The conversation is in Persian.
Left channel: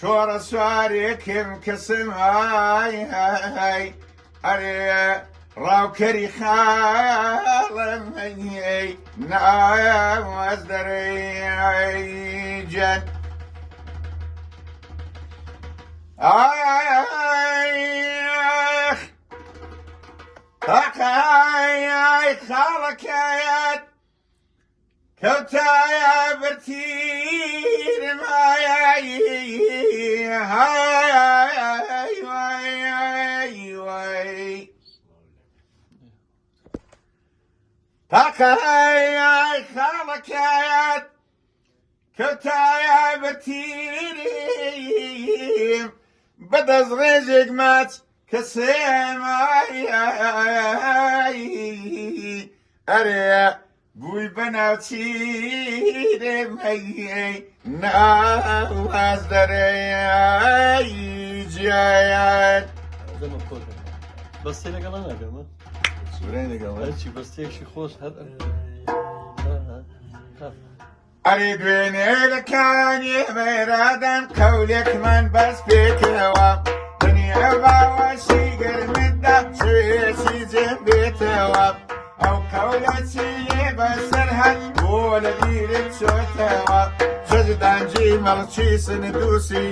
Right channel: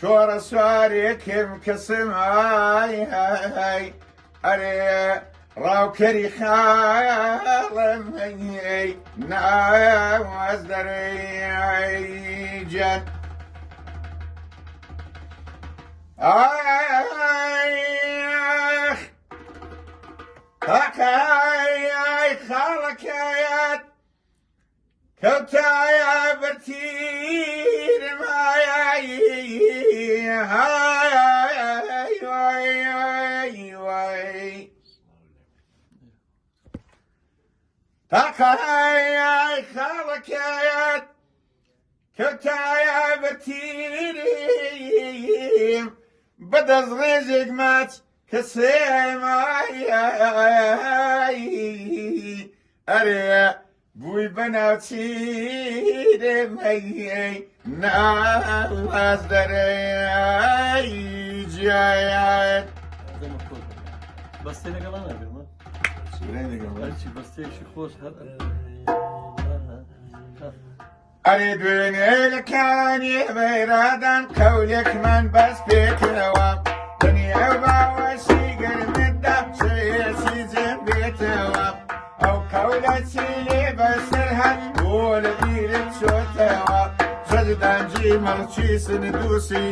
شۆڕە سوارێکم کەسم ئەرێ ڕاوکەری خاڵم هەنیەی ناواز دەرەی جەن تاکای خاڵەکایەت کەوتایە بەرتیرم تاکای خاڵەکایەت کەوتایە بەرتیرم بەدەست ڕێژێک ماچ کەسێم ئەرێ بووی بەناوچیرێم ناواز دەرەی جیایەت بەستەی لەگەڵ نەدەمە سوورەی لەگەڵ چی بەستەیەکی خۆش هەر ئەرێ دوێنێرەکانی بەیرادان قەولێکمان بەس پێکەوە دنیا باوەشی گەرمتدا چێسی جێم بێتەوە ئەو قەولە چی لێ بەسەر هەن بۆ لە بیرم چۆتەوە جەجدانجی مەڵکی سندوسی